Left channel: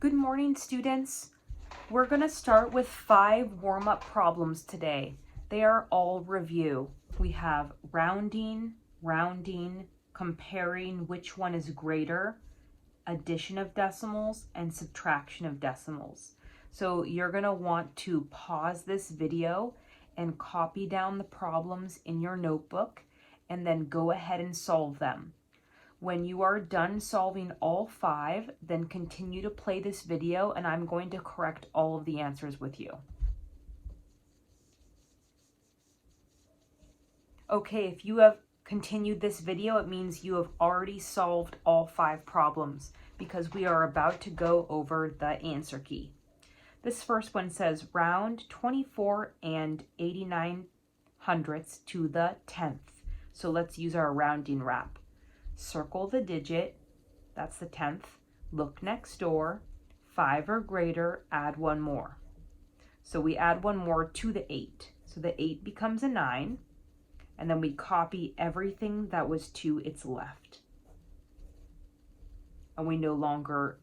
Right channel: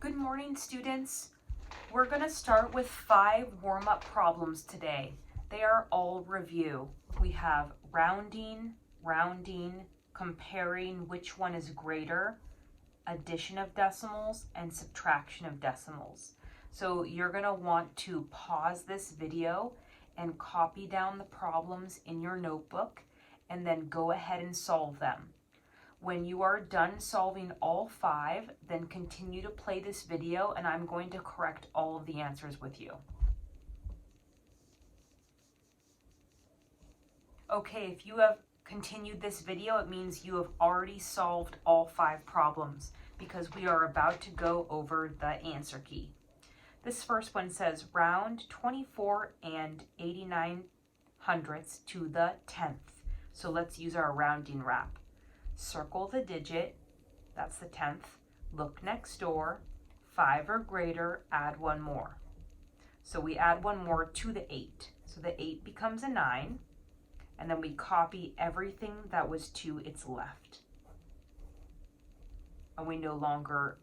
Good morning, students. We're going to start with 5 warm-up problems today. They are all review. We have rounding, comparing which one is greater, addition of decimals, and subtraction of decimals. So you're going to want to pause this video and copy down the problems in your notebook and then go ahead and solve them. When you are done solving all 5, then continue to play this video and I'm going to correct all of the answers with you. Okay, if you have continued this video, it means you have already solved all 5 problems because we are about to go over the answer key. This first one says round 24 and 89 hundredths to the 10th. So let's use our rounding wrap. Circle the digit, that's the 10th, look next door, 5 or greater, add 1 more. So we add 1 more to the 8. So the 8 becomes a 9, and then we copy everything that was to its left. And we no longer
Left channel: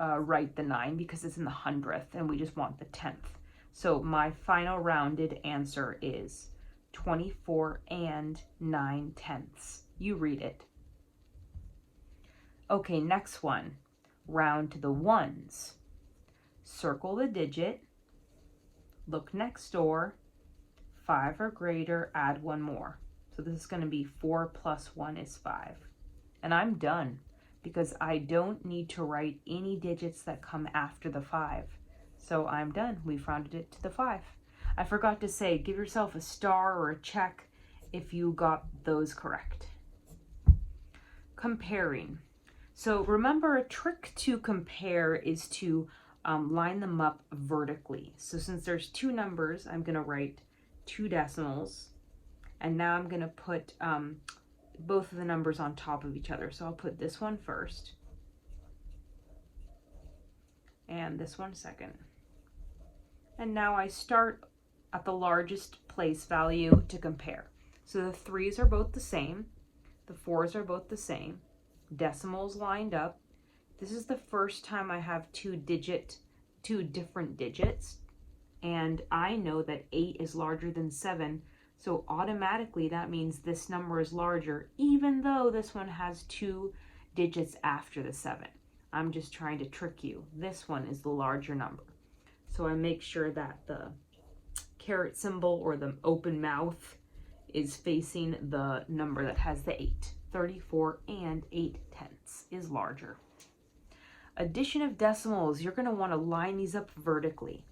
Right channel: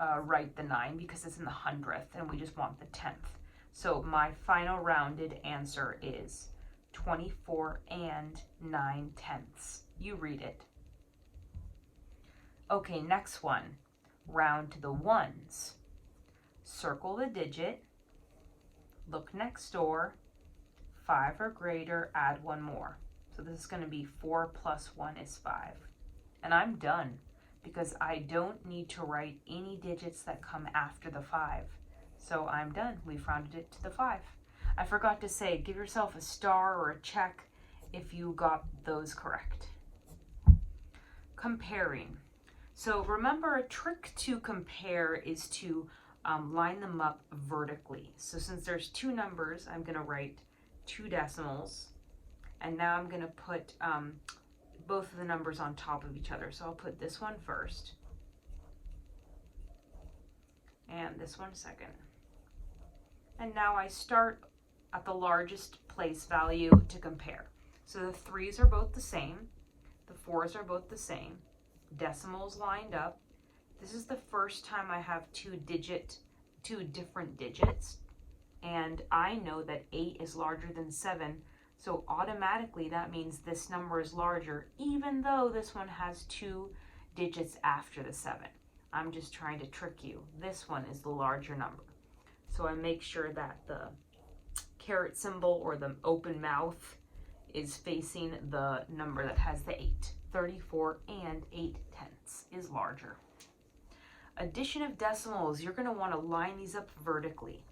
write the 9 because it's in the 100th, and we just want the 10th. So my final rounded answer is 24 and 9/10. You read it. Okay, next one. Round to the ones. Circle the digit. Look next door. 5 or greater, add 1 more. So this is going to be 4 plus 1 is 5. And I'm done because I don't need to write any digits that come after the 5. So I'm done. We've rounded it to the 5. I forgot to say, give yourself a star or a check if you got those correct. Comparing. So remember, a trick to compare is to line them up vertically. So since there's 2 numbers, I'm going to write 2 decimals. And now I'm going to put both of the numbers on top of each other. So I'll put this one first. And this one second. And now I start at the largest place value to compare. So the 3's are both the same. The 4's are both the same. Decimals lined up. This is the first time I have 2 different digits. And I know that 8 is larger than 7. So automatically that means this number is larger, even though this one has 2 digits after the 7. I'm just trying to trick you. This one is the larger number. So I make sure that the caret symbol or the open mouth is facing the number that has the 8. 34 and 8/10 is larger. Addition of decimals, you're going to want to line these up vertically.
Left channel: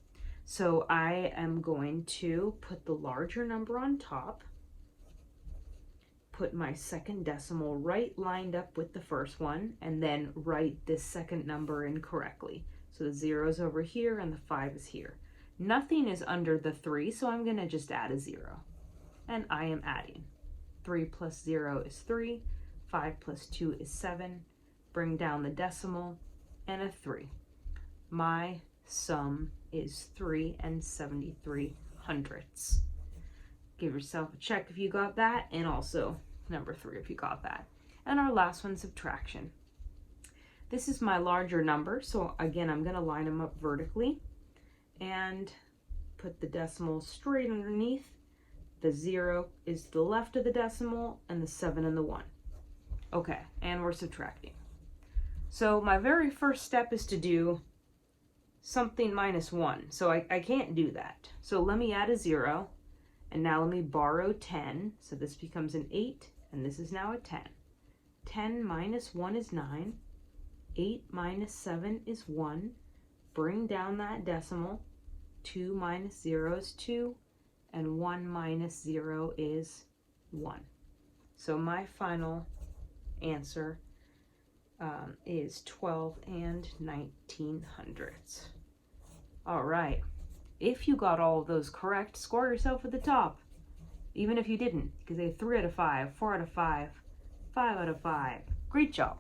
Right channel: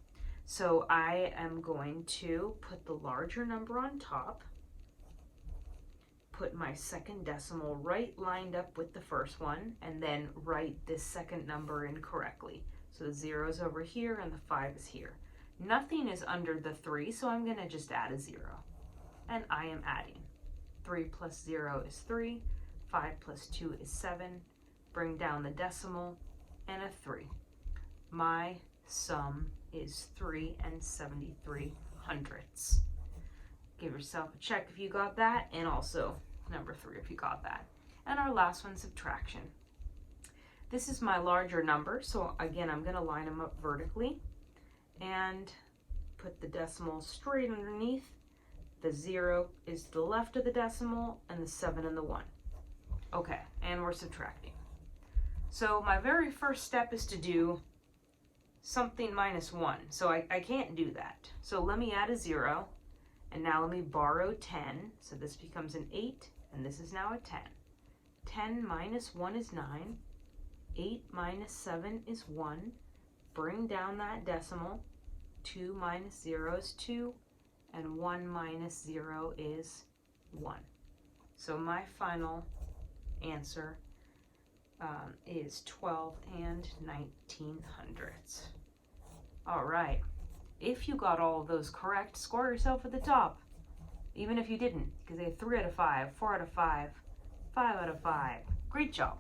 So I am going to put the larger number on top, put my second decimal right lined up with the first one, and then write this second number in correctly. So the 0's over here and the 5 is here. Nothing is under the 3, so I'm going to just add a 0. And I am adding. 3 plus 0 is 3. 5 plus 2 is 7. Bring down the decimal and a 3. My sum is 3 and 73 hundredths. Give yourself a check if you got that, and also number 3 if you got that. And our last one, subtraction. This is my larger number, so again, I'm going to line them up vertically and put the decimal straight underneath. The 0 is to the left of the decimal, and the 7 and the 1. Okay, and we're subtracting. So my very first step is to do something minus 1. So I can't do that. So let me add a 0, and now let me borrow 10. So this becomes an 8, and this is now a 10. 10 minus 1 is 9. 8 minus 7 is 1. Bring down that decimal. 2 minus 0 is 2. And 1 minus 0 is 1. So my final answer is 12 and 19 hundredths. All right. If you got all of those correct, score yourself at the top. Even if you didn't, because they have 3 out of 5, 4 out of 5, 5 out of 5. Great job.